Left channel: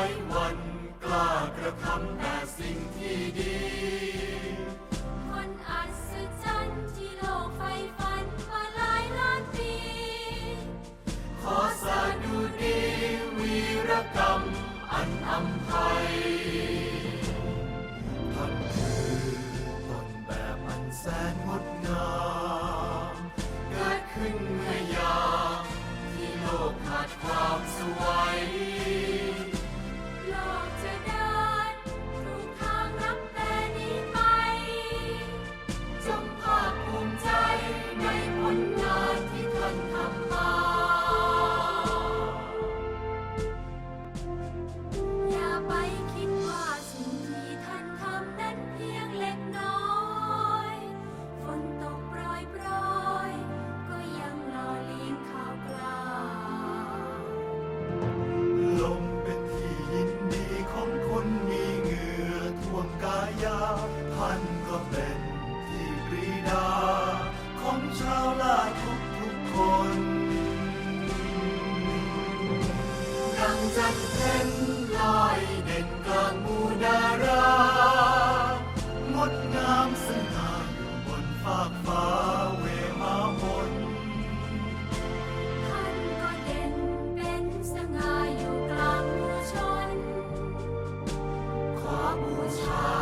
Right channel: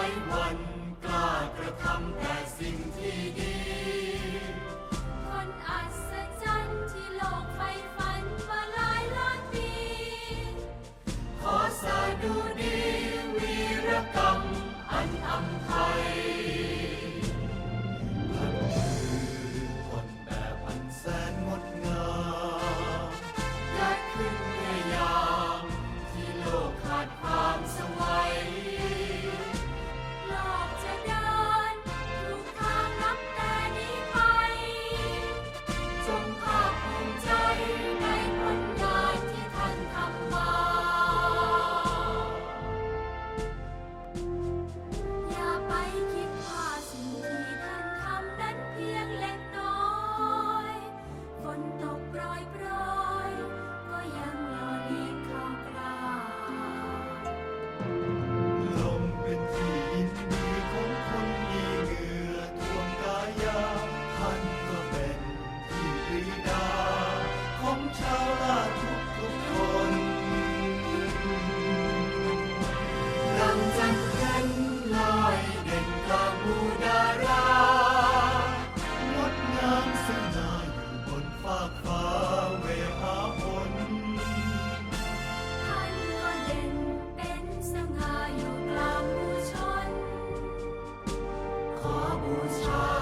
ว้วันกล้ากระทำแต่สิ่งที่ดี คนอัศจรรย์ที่โลกใฝ่ฝันมาหลายล้านปี ขอสาดุดีวีรกรรมอันอำพา God's.